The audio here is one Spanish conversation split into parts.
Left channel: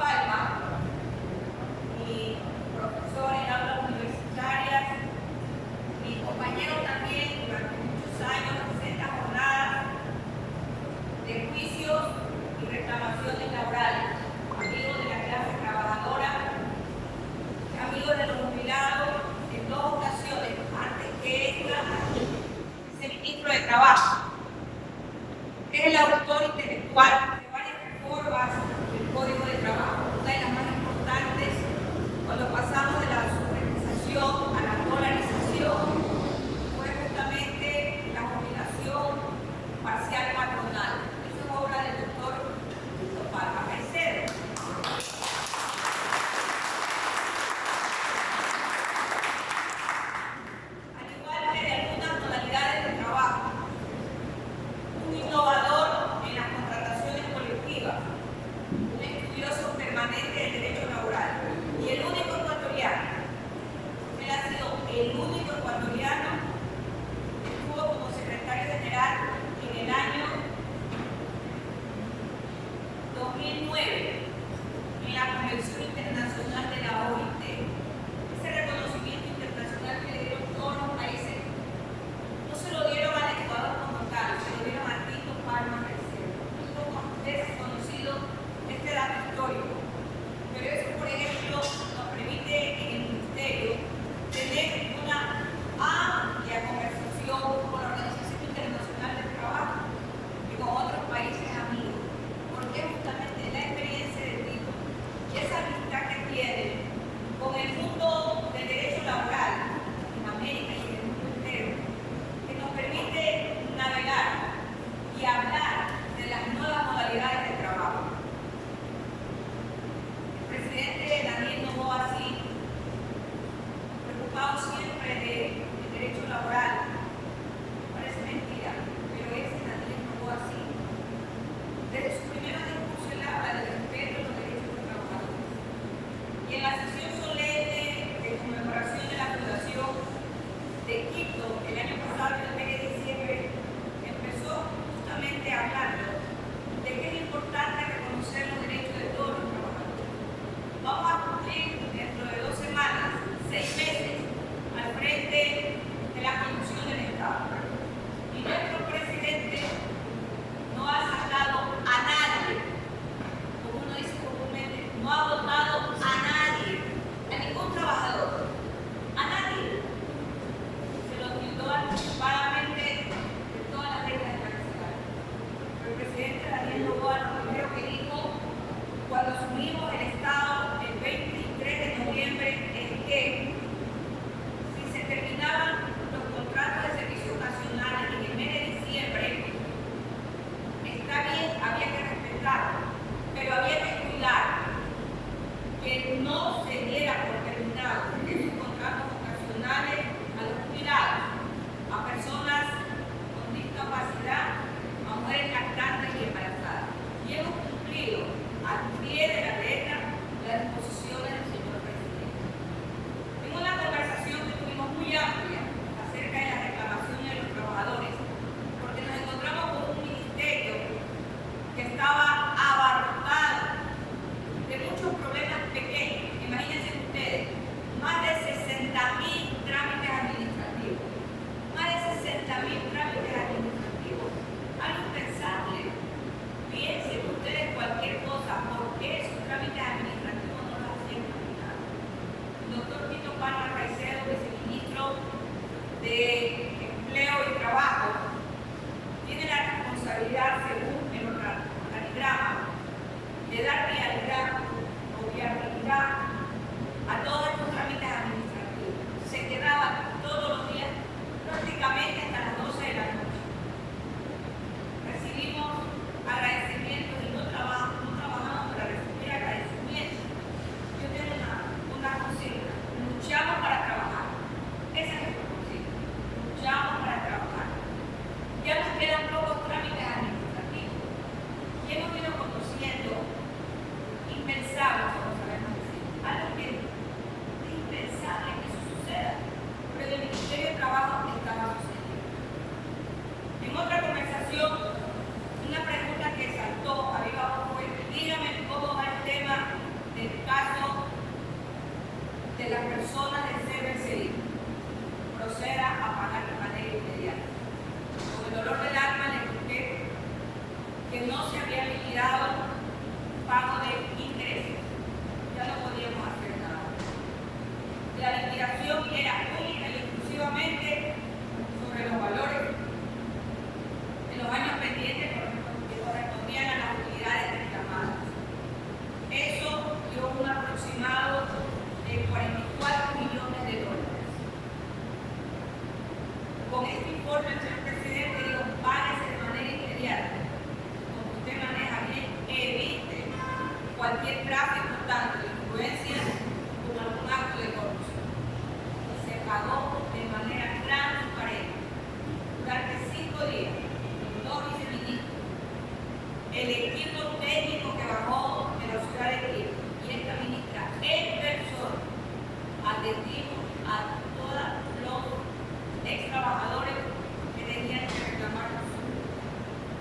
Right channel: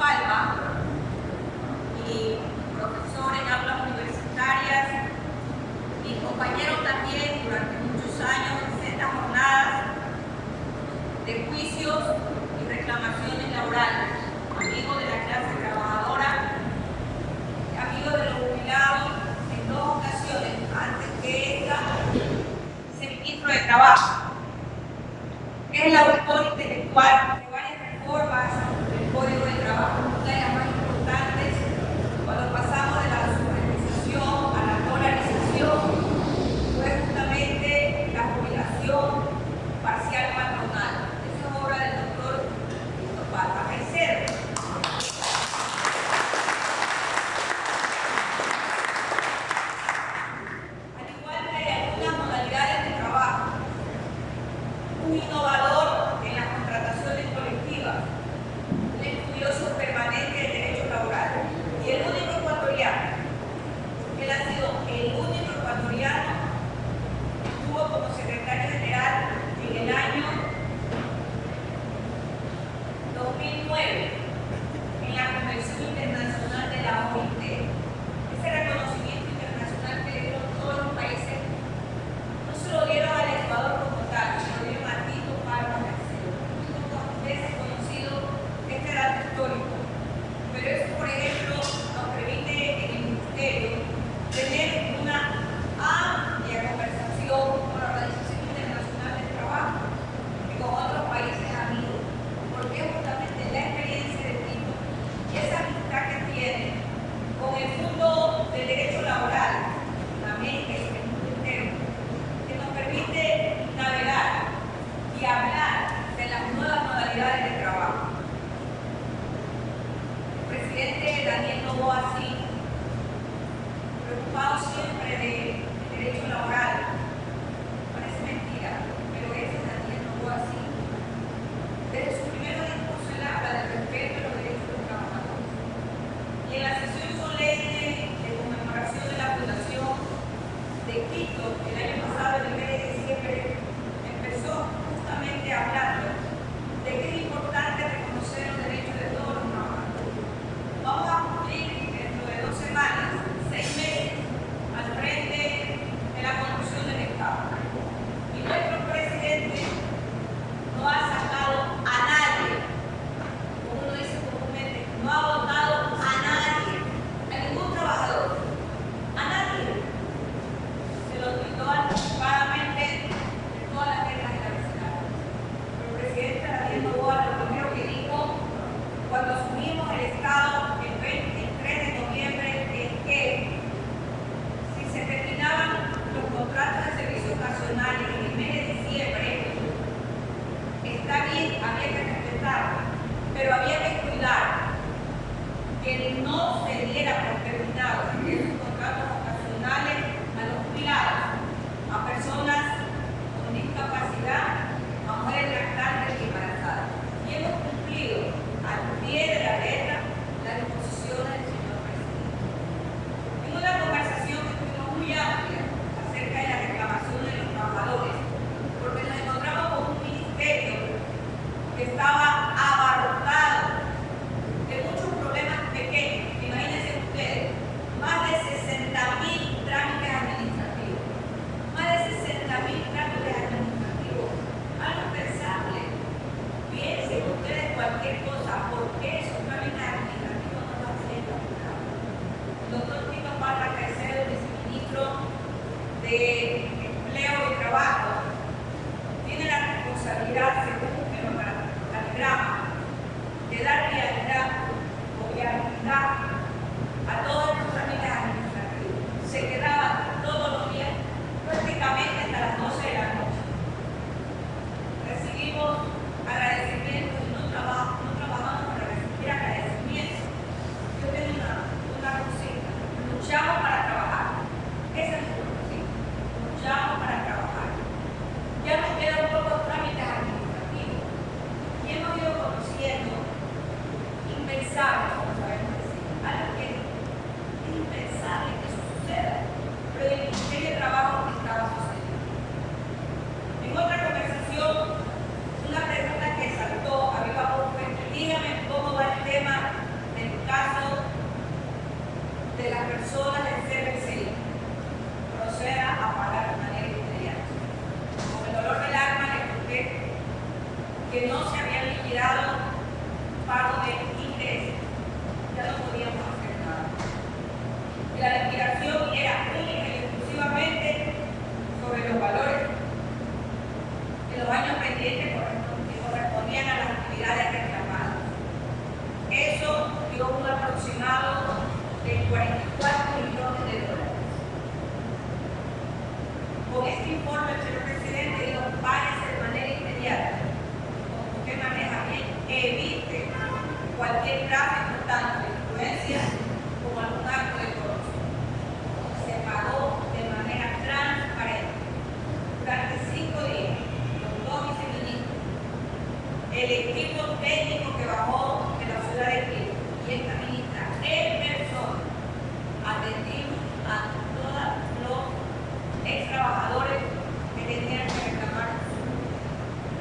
Palma y profesor en aulas universitarias, mi compañero también durante muchos años en sendas jornadas de juicios y reclamaciones laborales, amigo de la clase trabajadora, amigo de los jubilados en 2 ocasiones antes que esta, viceministro de Trabajo. Es el autor intelectual de varias reformas del Código de Trabajo. Una de las más importantes, cuando pasamos de la supervisación a la dolarización, fue justamente la jubilación parcial patronal. Eso es obra del doctor Víctor Palma Caicedo. Al igual que de algunas modalidades de trabajo, un innovador en las contrataciones colectivas, un estudioso permanente del derecho laboral y el único ecuatoriano. Él ha sido el único ecuatoriano que estuvo como secretario general en el año 2009 en la Convención Internacional de la OIT. Ese reconocimiento internacional que le dieron todos los países, no se lo dieron al Ecuador como tal, se lo dieron a Tito Palma Caicedo. Muy pocas veces conocido este dato histórico, pero eso, por ejemplo, nos permite en el Ministerio tener una amplia conversación con la Organización Internacional del Trabajo y con otros países amigos, porque justamente la experiencia de Tito y esa amistad que tiene con el mundo del derecho laboral en América y en el mundo entero, que nos permite navegar y hablar de las nuevas modalidades de trabajo. El presidente Daniel Noboa, sí, preocupado siempre del derecho laboral, parece mentira, pero ese es Daniel Noboa, sí. Desde su primer discurso él habla del respeto a los derechos de los trabajadores. Y en la sesión solemne de conmemoración de la fundación de Quito el año pasado, en el mes de diciembre, empezó justamente a hablarnos de que es importante reconocer los derechos de todos los trabajadores. Vamos a cumplir dentro de 2 semanas, 6 meses, al frente de la conducción del Estado. Y nuestro presidente no ha sacado a nadie, como uno dice comúnmente, no ha votado a nadie, a ningún trabajador, a nadie. Se lo tildó anticipadamente de todas las letras de la abecedario. Pero el presidente Daniel Noboa lo primero que dijo cuando asumimos el Estado el 23 de noviembre es que si se terminaban los contratos de servicio ocasionales en el mes de diciembre, está bien, había que respetarlo, pero había que cuidar que no se diera por terminados esos contratos ocasionales a los jubilados, a personas con discapacidad, a mujeres lactantes y embarazadas. Y hemos cumplido al pie de la letra las disposiciones del señor presidente. En una conversación que tuvimos muy amplia acerca de las reclamaciones de los trabajadores, porque nos encontramos con un ministerio que estaba abarrotado de muchos problemas pequeños. Imagínense ustedes, más de 60.000 trámites administrativos. Más de 60.000 trámites administrativos. Algo impensable. Piensen ustedes cualquier cosa, ¿por qué esos trámites administrativos no los hacían caminar? El doctor Tito Palma Caicedo, viceministro de Empleo y Trabajo, tiene la responsabilidad, según el organigrama, de dar viabilidad o viabilidad a todos estos trámites administrativos. Se quedaba todos los días, prácticamente hasta las 12 de la noche. Recibimos agradecimientos y no trabajamos para recibir agradecimientos. Yo tengo una consigna: luchamos para trabajar. Esa es nuestra consigna: luchamos para trabajar. Ya nos quedan pocos trámites administrativos y hemos ido conociendo impensables, como sabemos decir, algo que es impensable que eso suceda, pero en el Ministerio de Trabajo estaba sucediendo. En otra conversación, una pregunta que saltó a viva voz fue: dígame cómo va el tema dolor del alma le conté que no se habían liquidado pago de ingresos. Ya no podíamos hacer nada. La liquidación era única y exclusivamente sobre los valores de los años pendientes que correspondían a las actividades reclamadas. Eso dio un aproximado de 44 millones de dólares. Con este informe, el señor presidente dijo, páguese de manera inmediata. Como usted maneja bien, evite cualquier tráfico, tanto de influencia como algún acto de corrupción. Se pagó de manera transparente. Durante 5 días, los 2 viceministros, el equipo técnico que bajó de la ciudad de Quito y esta ministra en persona, atendimos a todos los ex trabajadores que tenían que reclamar su sueldo.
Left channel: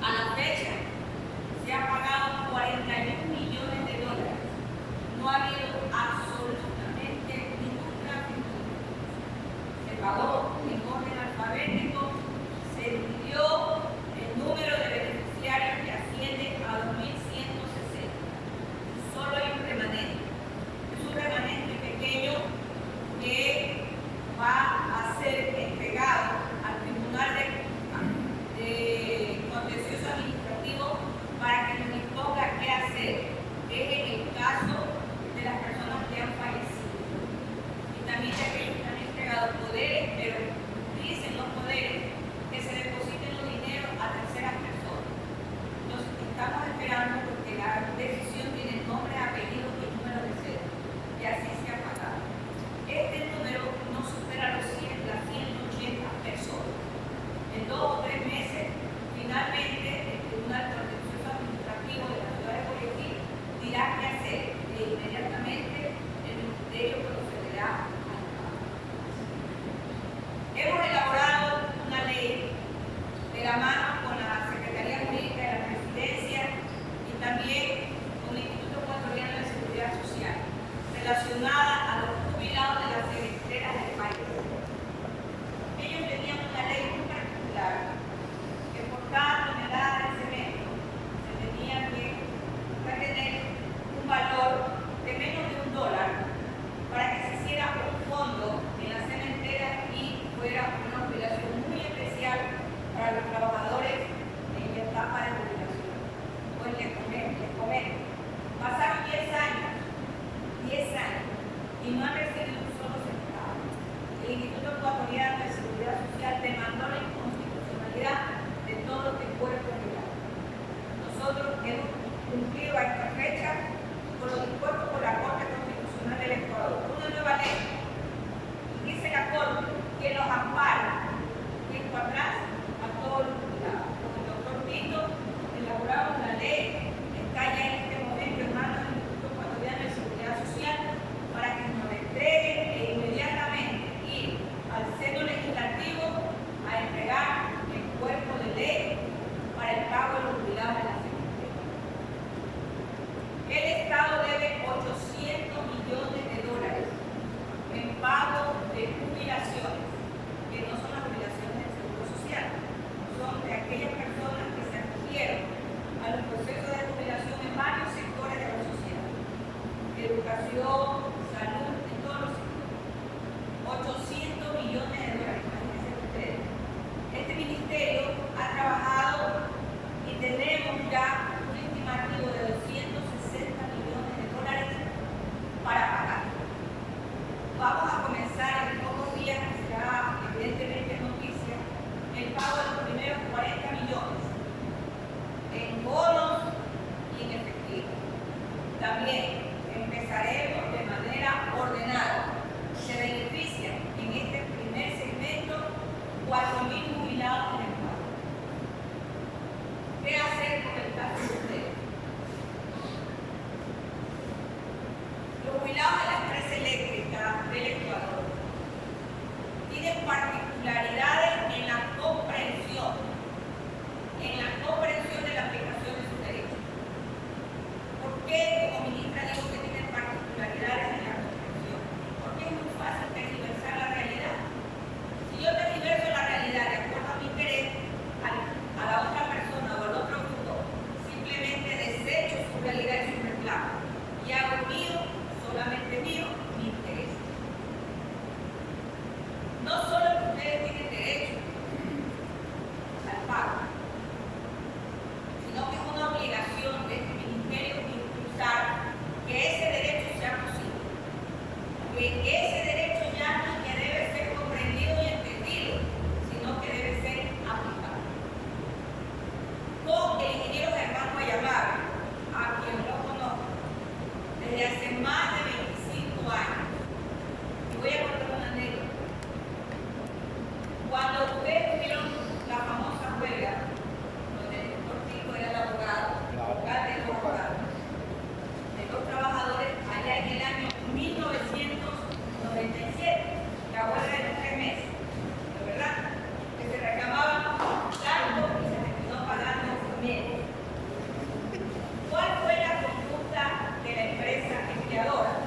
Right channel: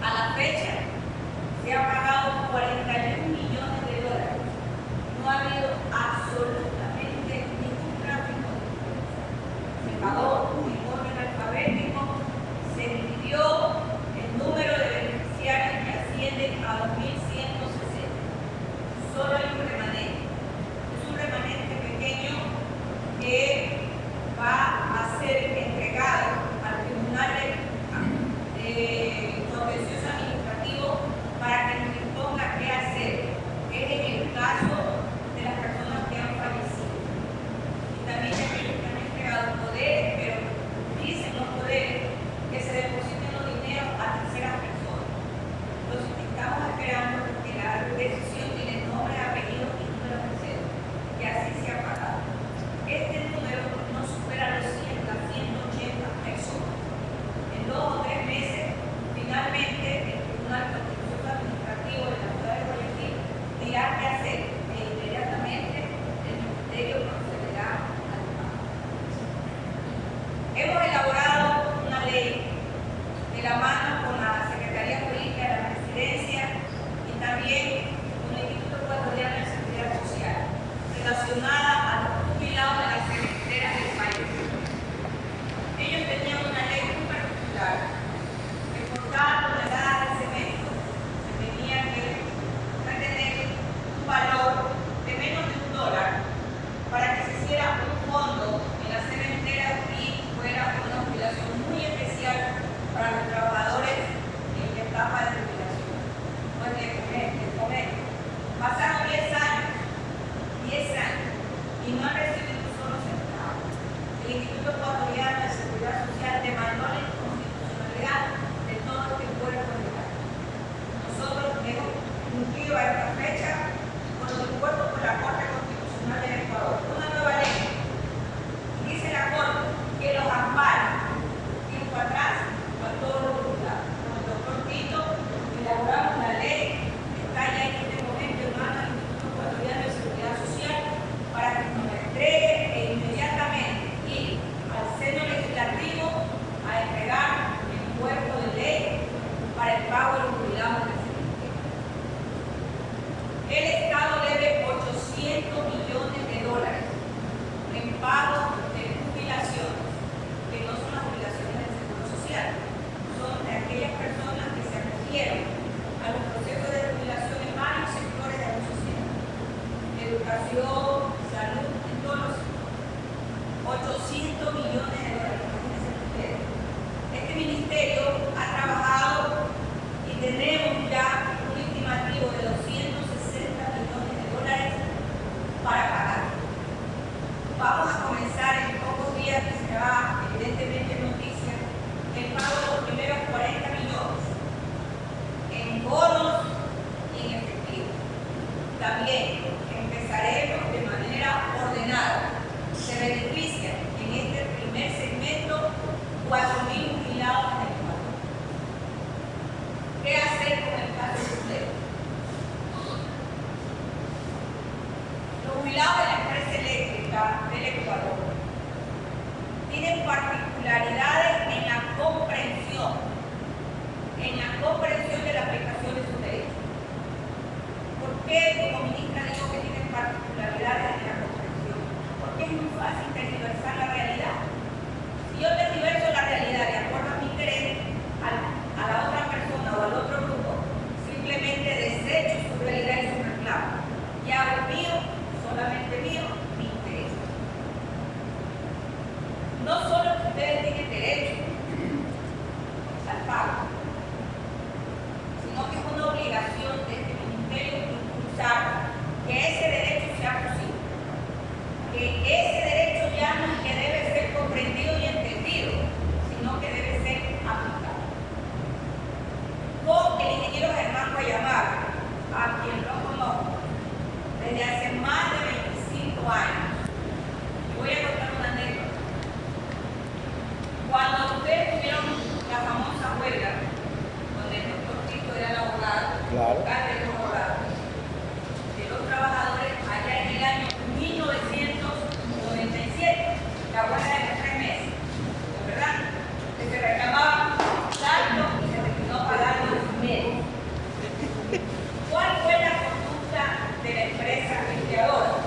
A la fecha se ha pagado 41 millones de dólares. No ha habido absolutamente ningún tráfico de influencia. Se pagó en orden alfabético, se dividió el número de beneficiarios que ascienden a 2.160. Solo hay un remanente. Es un remanente pequeño que va a ser entregado al Tribunal Contencioso Administrativo para que nos imponga qué hacer. Es en el caso de las personas que han fallecido. Y también de aquellos que han entregado poderes, pero dicen los poderes que se depositen los dineros a terceras personas. Entonces estamos esperando porque la decisión tiene nombre, apellido y número de cédula. Y así se ha pagado. Este número no supera las 180 personas. En 2 o 3 meses, finalmente, el Tribunal Contencioso Administrativo de la ciudad de Guayaquil dirá qué hacer e inmediatamente el Ministerio procederá al pago. Hemos elaborado una ley de la mano con la Secretaría Jurídica de la Presidencia y también con el Instituto Ecuatoriano de Seguridad Social relacionada a los jubilados de las cementeras del país. Ellos tenían una ley muy particular que por cada tonelada de cemento se tenía que retener un valor de menos de $1 para que se hiciera un fondo en las cementeras y fuera una jubilación muy especial para los trabajadores en la etapa de jubilación. Pues les comento, pasaron 10 años y no han recibido un solo centavo. El Instituto Ecuatoriano de Seguridad Social demandó la inconstitucionalidad de todo este cuerpo legal. Nosotros hemos cumplido a esta fecha con lo dispuesto por la Corte Constitucional del Ecuador. Una nueva ley. Dice la Corte que los ampara tiempo atrás a todos los jubilados. Con el doctor Tito elaboramos la ley, está ya en este momento en manos del Instituto Ecuatoriano de Seguridad Social para que nos la entreguen e inmediatamente ir al seno legislativo a entregar el cuerpo de ley para el pago de los jubilados de la cementería. El Estado debe 800 millones de dólares en pago de jubilaciones, que no son las jubilaciones del Seguro Social, son de aquellas personas que se acogieron a los procesos de jubilación en varios sectores de la sociedad. Educación, salud, en todos los sectores. 800 millones de dólares, imagínense ustedes. Este ministerio ha trabajado y tenemos ya un estimativo de 260 millones de dólares para pagar. Vamos a comenzar en pocos días, que será evidentemente noticia, el pago de los primeros 40 millones en bonos y en efectivo. También empezaremos de manera ordenada. Se benefician en este primer segmento 4.000 jubilados en el Ecuador. ¿Qué hacer con el caso de ustedes? Los jubilados de la empresa eléctrica del Ecuador tienen particularidades en la comprensión de la aplicación de sus derechos. ¿Por qué como ministra digo que tienen particularidades en la comprensión? Porque es muy fácil tergiversar la realidad. Si yo tergiverso la realidad de acuerdo a mi interés, al llamar a quien lo conozco desde hace más de 25 años. Y voy a contar una anécdota. Cuando ustedes tuvieron la famosa huelga, donde el doctor Tito era el abogado, alcalde de los abogados, de los trabajadores, allá en el año 1997, la huelga de los 3 meses, ¿de verdad? Que se reclamaban tanto y se terminó pagando menos. ¿Cuál fue la conducta de la empresa empleadora?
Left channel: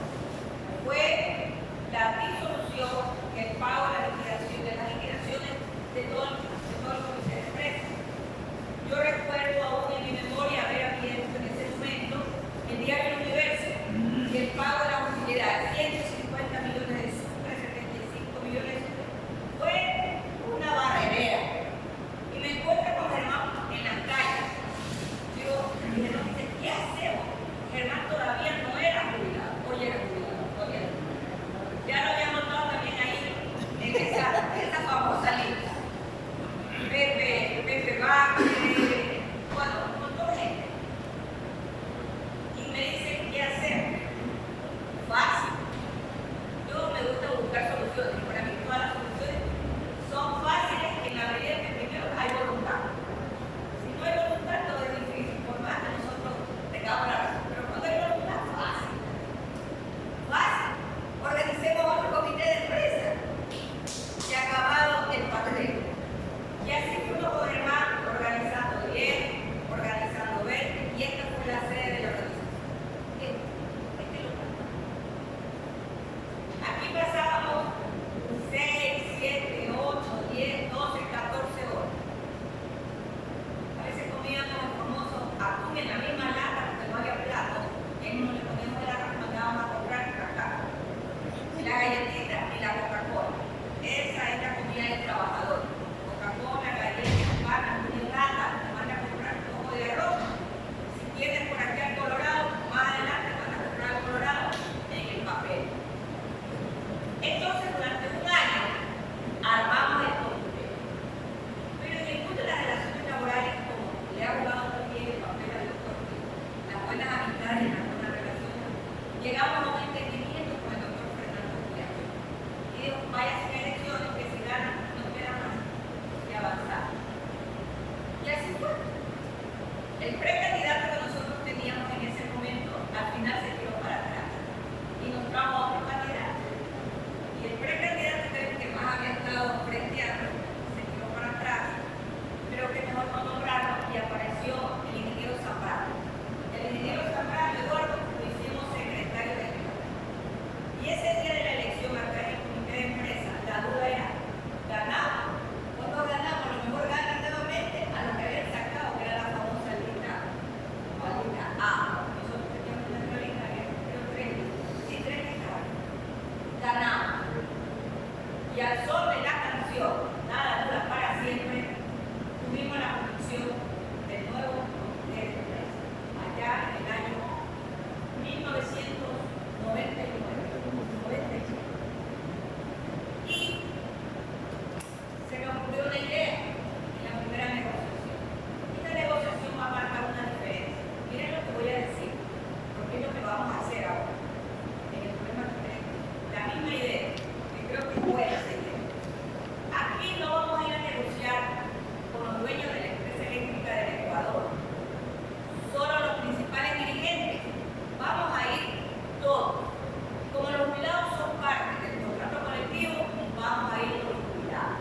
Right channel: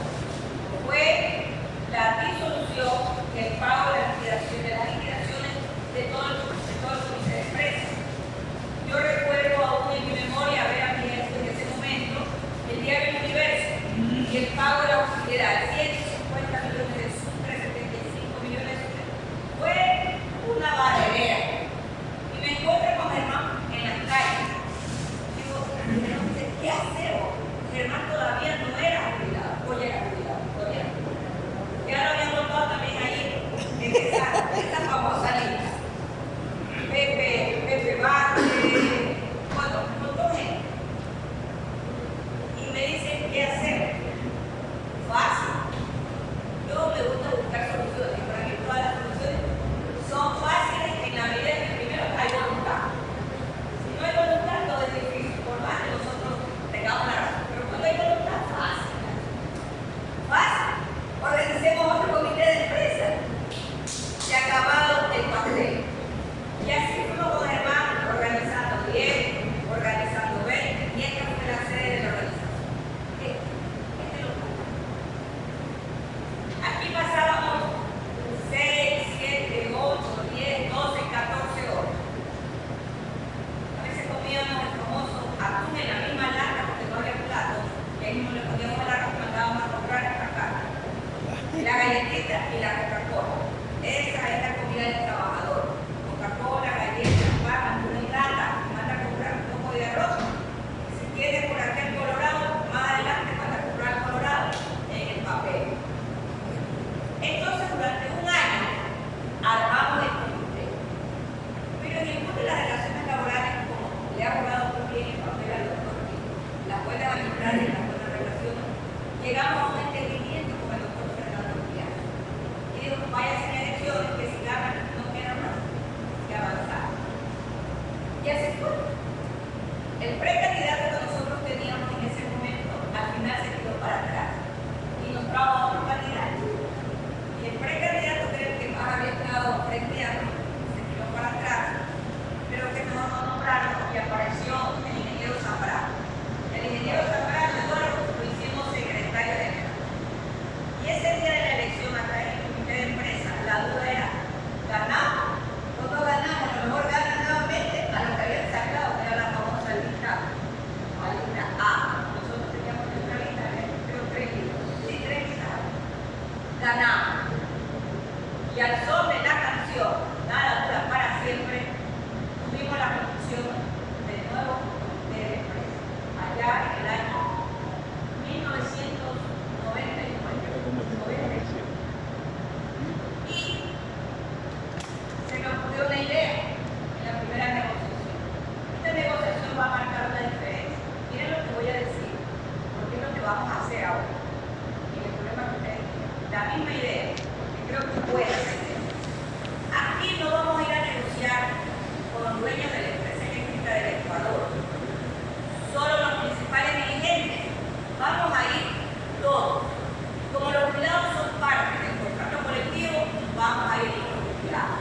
Fue la disolución, el pago de las liquidaciones de todo el comité de empresa. Yo recuerdo aún en mi memoria haber abierto en ese momento el diario El Universo y el pago de la utilidad, 150 millones de Sucre, 75 millones de Sucre. Fue una barrera. Y me encuentro con Germán en las calles. Digo, Germán dice, ¿qué hacemos? Germán todavía no era jubilado, hoy era jubilado, todavía no. Ya lo habían notado también ahí en esa famosa lista. Pepe Vázquez, bueno, un montón de gente. Y me dicen, ¿qué hacer? Fácil. Yo me gusta buscar soluciones, y para mí todas las soluciones son fáciles en la medida que primero hay voluntad. Si no hay voluntad, todo es difícil, por más que nosotros tengamos la razón. Pero cuando hay voluntad, fácil. Fácil. Organicemos otro comité de empresa. Se ha acabado el pastel. Y así fuimos con Germán organizando 10, organizando 20, y esta fue la sede de la organización. Este local. Aquí pasábamos 6, 7, 8, 10, 12, 14 horas. A veces comíamos el famoso atún en la misma lata porque no había plato, y ahí mismo le poníamos el arroz que mandábamos a comprar acá. La galletita y la Coca-Cola. Esa es la comida del trabajador. Coca-Cola, galletas, pan, atún en lata, manda a comprar un poco de arroz. Si tienes por aquí al Colorado, más adelante manda a comprar el Colorado en el papel. Entonces, durante un año armamos el comité. Pero en el mundo de las relaciones laborales, como le ha abogado también el papel al doctor Tito, las buenas amistades y las buenas relaciones, llegamos a un entendimiento con el doctor Fernando Piano. Y dijo, vaya sin elecciones, que si ganan no queda más que avanzar. Y así fue. El precandidato que nosotros teníamos en ese momento, al final se tiró para atrás y nos trajo a otro candidato. Y el precandidato que más había estado frenteando se tiró para atrás, pero que mejor no nombraron y apareció el ingeniero Zambrano. El ingeniero Zambrano, Eduardo, lo hicimos secretario general. Y ese día de la elección acá en el comité de empresa, la duda era, ¿ganamos o no ganamos? A lo mejor ganan nuevamente a lo que habían sacado, que era la famosa lista, la lista A. Nosotros teníamos nuestra lista, creo 3 listas. Sí, 3 listas. Ganamos. Y al son de la canción, nada dura para siempre, tuvimos la conducción del nuevo comité de empresa, allá en el año 1999. Y se me ocurrió una idea en la primera negociación. Esta negociación va a marcar una diferencia. Miren lo que voy a decir, porque es lo que vamos a hacer ahora. En el problema que ustedes tienen. La misma idea, porque creo que puede ser. Aquí no vamos a ir a negociar con los dueños de la empresa eléctrica del Ecuador, solo los principales dirigentes. Vamos a ir todos. Como los jubilados son parte del contrato colectivo, vamos a ir con los jubilados.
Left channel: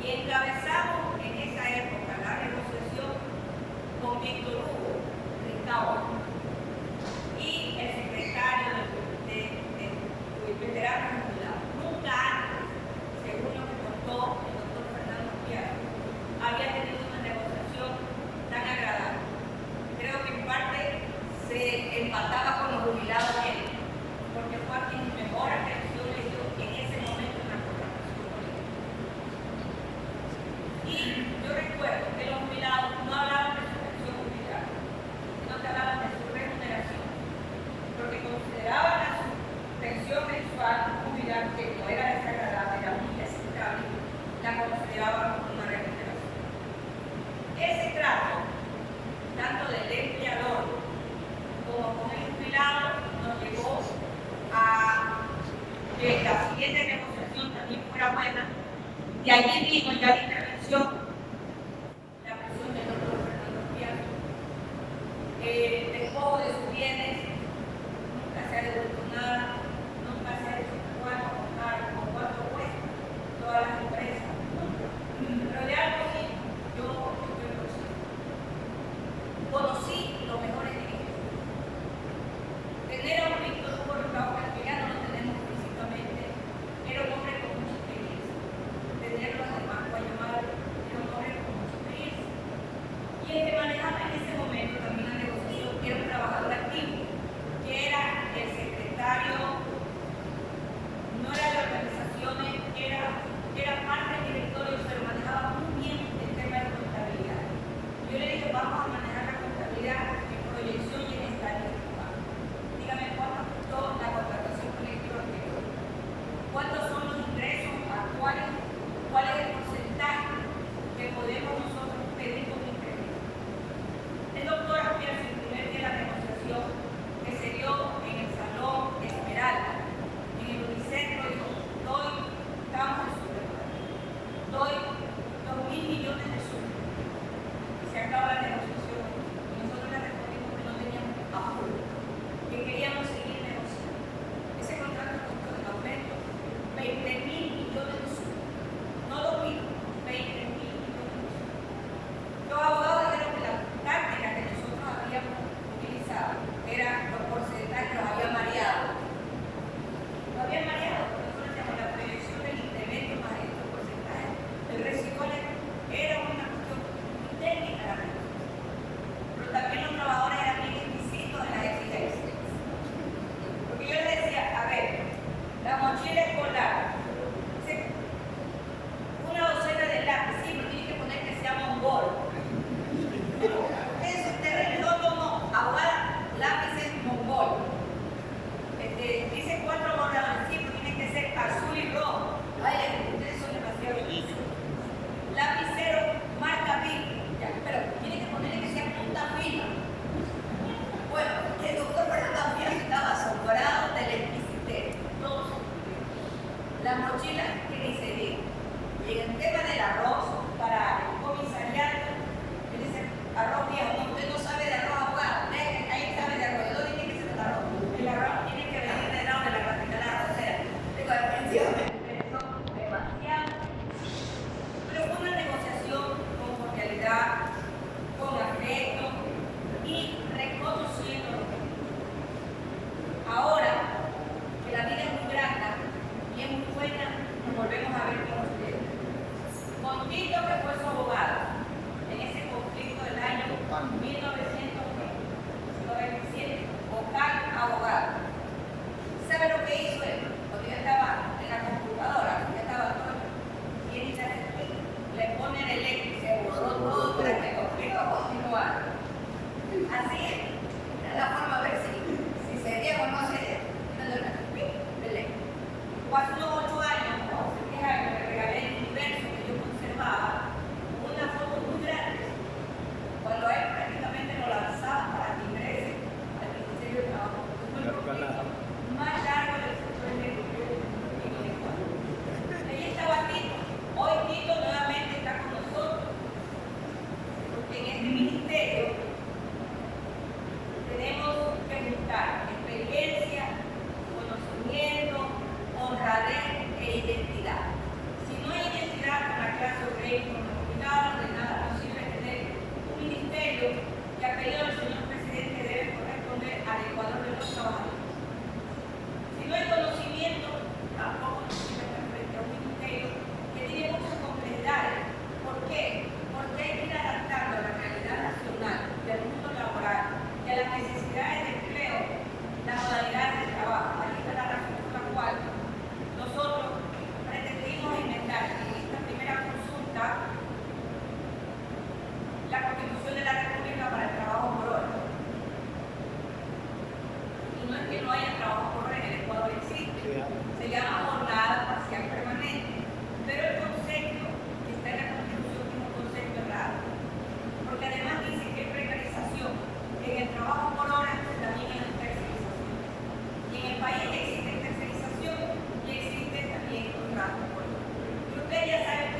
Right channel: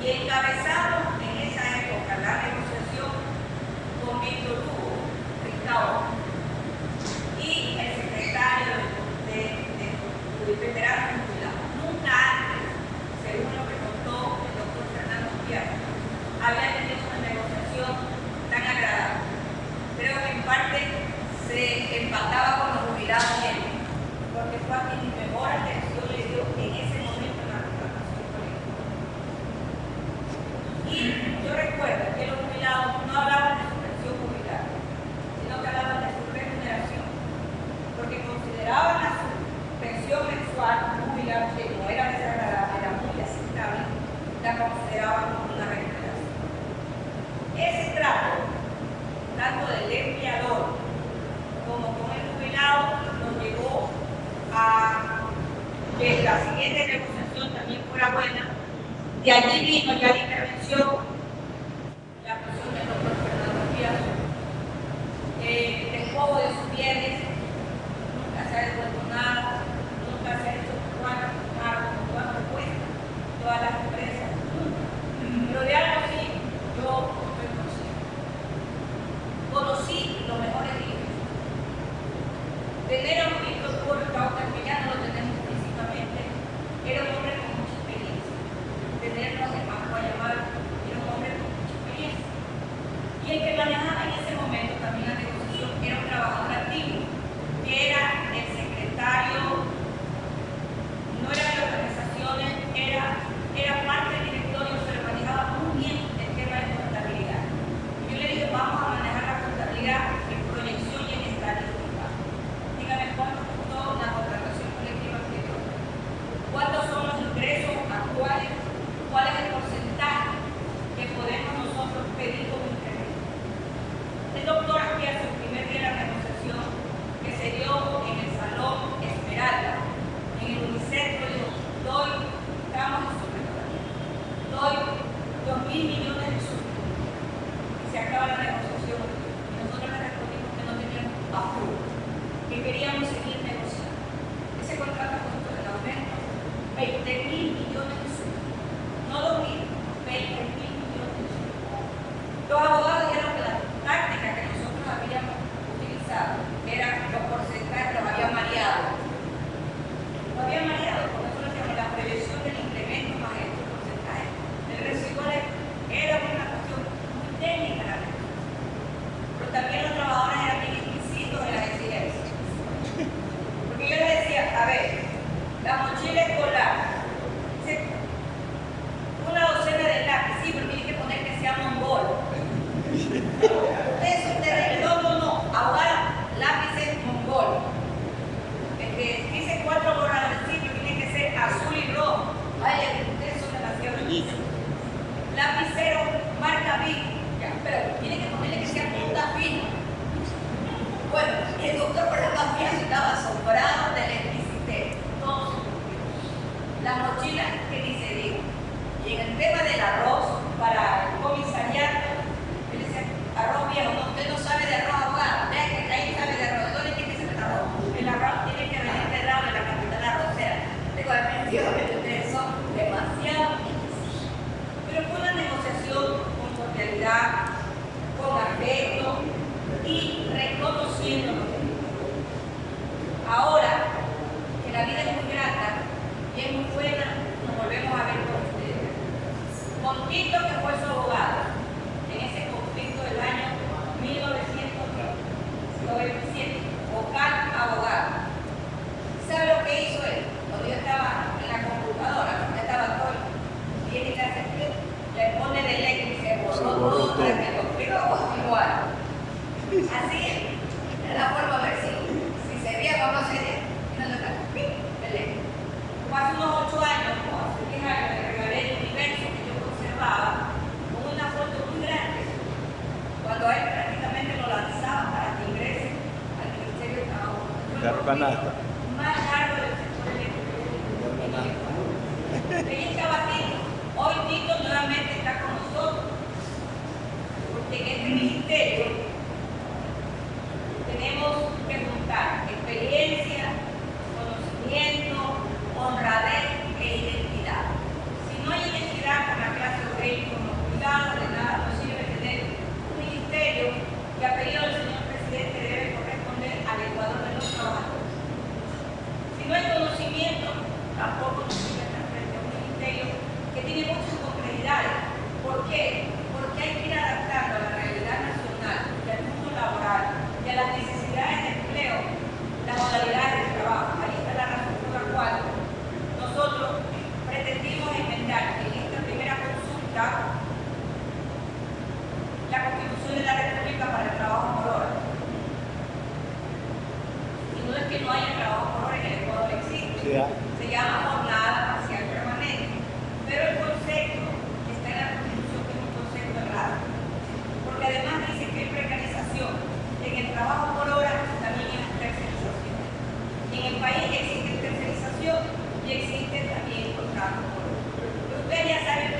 Y encabezamos en esa época la negociación con Víctor Hugo Ricao y el secretario de veteranos jubilados. Nunca antes, según lo que contó el doctor Fernando Piano, había tenido una negociación tan agradable. Creo que en parte se empataba con los jubilados bien, porque fue a quien mejor atención le dio en ese momento en la contratación colectiva. Y yo recuerdo que los jubilados no hablaban de su pensión jubilada, sino que hablaban de su remuneración, porque consideraban a su pensión mensual jubilada, que no era desagradable, era muy aceptable, la consideraban como una remuneración. Ese trato, tanto del De allí vino ya la intervención, la actuación del doctor Fernando Piazza, despojo de sus bienes, nunca se ha devuelto nada, nunca se ha hecho cuánto cuesta todas las empresas, nunca. Pero de algo sí, yo estoy consciente. Conocí los mejores días. Tener a un Víctor Hugo Ricaurte, que ya no lo tenemos físicamente, era un hombre con mucha experiencia. Tenerlo en el Banco Guayamar era un hombre con mucha experiencia. Y el que manejaba en ese momento también la negociación era un trabajador activo, que era el secretario, no era de organizaciones, era parte del directorio, pero manejaba muy bien el tema de contabilidad. Y yo le dije, vamos a manejar la contabilidad en proyección y en estadística. Dígame cuánto costó la contratación colectiva anterior, cuántos son los ingresos actuales, cuál es el porcentaje que podemos nosotros pedir como incremento. El doctor Aspiazo, el primer día de la negociación que se dio en el Salón Esmeralda, en el Unicentro, dijo, estamos en sobrevalor, doy 2.000 millones de soles. Y se acaba la negociación. Y nosotros le respondimos que no teníamos apuro, que queríamos seguir negociando. Ese contrato costó el aumento 20.000 millones de soles. No 2.000, 20.000 millones de soles. Los abogados dijeron que la táctica que nosotros habíamos utilizado era los porcentajes, los había mareado. Lo había mareado, por eso le decíamos la prevención del incremento más estos porcentajes. El residual era una cuestión muy técnica la negociación. Pero también los trabajadores eran bien exquisitos en las exigencias. Porque yo les decía, a ver, la mochila escolar, una docena de lápiz, sí, pero tiene que poner que sea mongol. Ustedes son terribles. No. Ahora lápices mongol. Dice 4 borradores, sí, pero tiene que ser azul y rojo. Ay, ustedes son demasiado bonitos. Lapicero marca Bic, pero tiene que ponerle que sea punta fina. Bueno, el doctor Fernando Piazza estaba asombrado de la exquisitez. Todo se cumplió. Las mochilas que ni se diga. Y en el tema del arroz para el comisariato, él decía, arroz viejo, no, usted no sabe de arroz, abogado. Vean que ahí sabe de arroz. ¿De dónde tiene que ser el arroz? El arroz tiene que venir del lado de la capital arrocera. Digo, definitivamente eso, demasiado. Pero fue una negociación con cordialidad, con afecto y reconociendo lo que dijo. Ahora que la vida es muy grata y es muy buena, nos volvemos a ver con ustedes. Con Tito, que fue su abogado en ese conflicto del año 1997, vocal abogado. ¿Sabe lo que hizo él? Cuando yo estaba en la computadora, porque estaba todo, viene y le hace clic, le pone delete y se borró todo para que el conflicto continuara. Así era la forma de ver si se veía o no se veía. Y no le da clic, delete. Hace unos 8 años, o hace 10 años, le regalé el universo que yo conservaba con una foto muy grande, cuando él prácticamente lo lanzaba para que ingrese al Ministerio de Trabajo. Más largo del sector eléctrico en el Ecuador. Ahí estaba Tito. Hoy Tito nuevamente está con nosotros, porque en este ministerio tenemos que juntar experiencia, conocimiento, honradez e identidad. Si no hay identidad con la clase obrera y con los jubilados, de nada nos sirve tener un ministerio que a pedido del señor presidente debe corresponder al Ecuador de los trabajadores. Si no hay conocimiento, tampoco nos sirve estar frente a un ministerio que tiene muchas complejidades. ¿Por qué? Porque hay que ir adaptando a la realidad nacional y al mundo laboral y a las necesidades de empleo, las modalidades de trabajo. Ahí está la razón por la cual nosotros pretendimos enmendar en esta primera consulta la Constitución de la República para el trabajo por hora. Y no es que no haya trabajo por hora, en el Ecuador existe. Se llama jornada parcial permanente. Pero el concepto que está en la Constitución es un concepto errado. Porque además dice que hay precarización en el trabajo por hora, también en la tercerización. Y en el país existe tercerización y existe también contrato por hora. Pero ustedes ya saben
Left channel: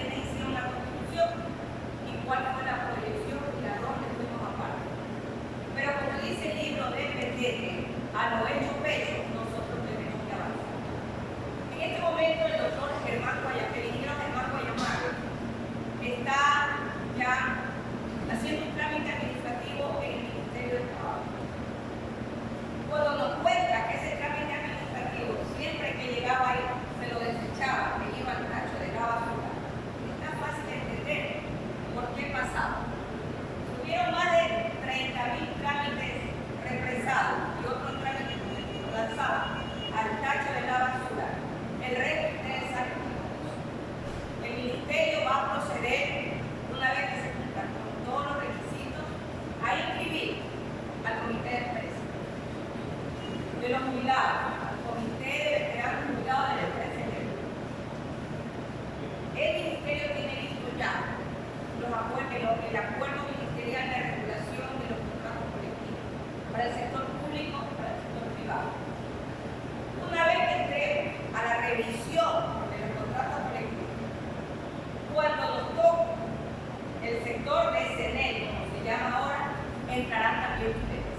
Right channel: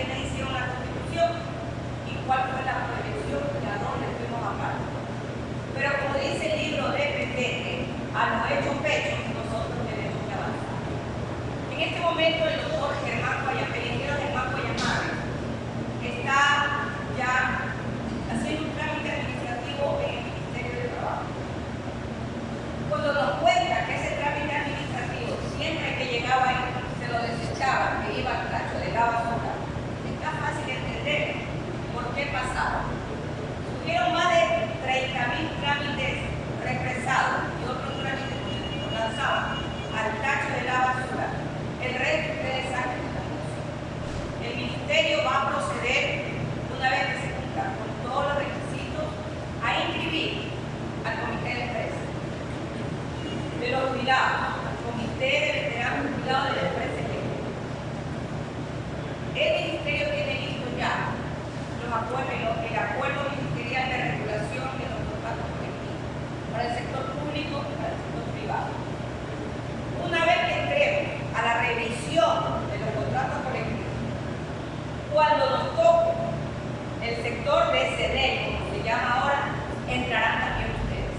llama ahora, entrarán también ustedes.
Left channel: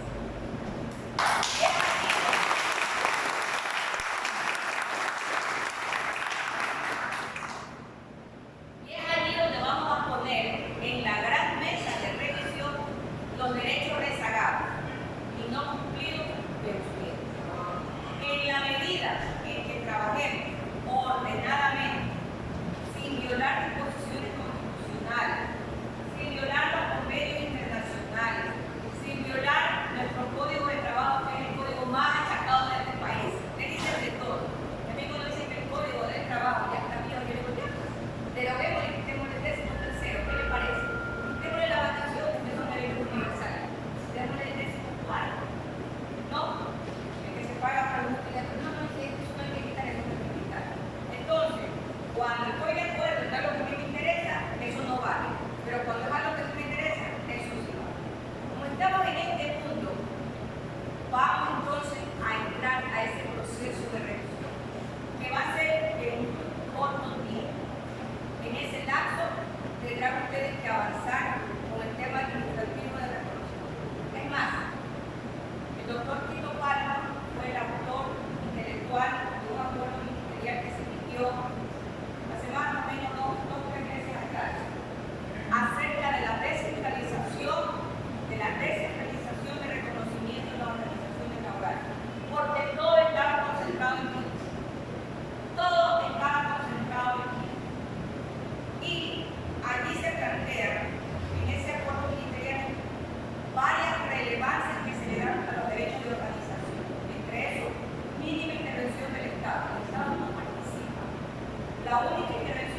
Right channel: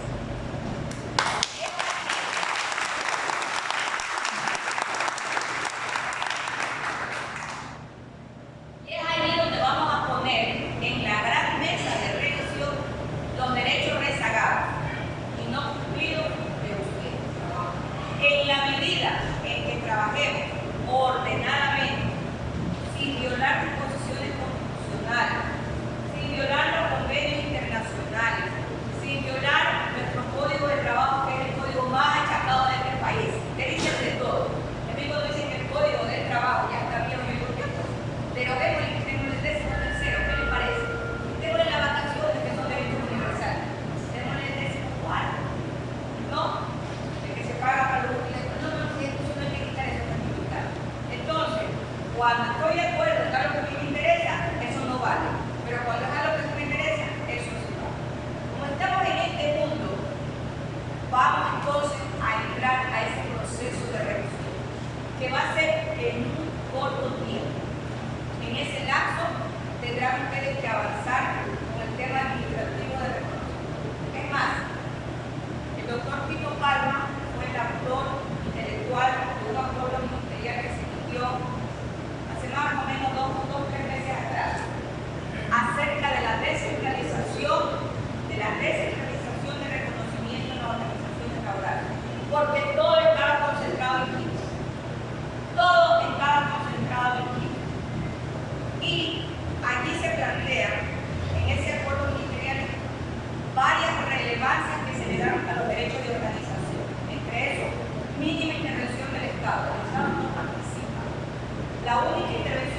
Y es allí donde vamos a poner en la gran mesa de revisión los derechos rezagados y no cumplidos de ustedes. En la medida en que trabajemos ordenadamente, sin violar disposiciones constitucionales, sin violar los convenios internacionales, sin violar nuestro código de trabajo, que es el código más achacado de este país. Te dicen de todo. A mí cuando dicen que el código del trabajo ya está viejo, yo digo, ya pues, deroguemos y quitémosle el 13º, ¿qué le parece? Quitémosle las vacaciones, que son derechos universales. Quitémosle el 14º. ¿No? El que se paga para los jubilados. No, eso no hay que quitar, eso no hay que quitar. Entonces, cuando estoy de acuerdo en algo que a mí me interesa, eso no vale. Pero cuando es algo que no me interesa, eso sí vale. Como estamos en este mundo, vamos entonces a entrar a ese proceso de revisión, que va a ser en un corto tiempo. En ese lapso tendrán ustedes que avanzar con el tema administrativo de reconocimiento. Es más, el doctor Tito Palma fue el autor intelectual de un acuerdo ministerial que se emitió hace más o menos dos o tres meses atrás, acerca de la descentralización de reconocimiento en las organizaciones laborales, porque todo estaba concentrado en Quito. Todo estaba concentrado en Quito. Y allí se plantean, en ese acuerdo ministerial, varias relevancias que se le dan a los derechos de organización. Entre esos, mínima intervención del Estado. El Estado no participa. La única intervención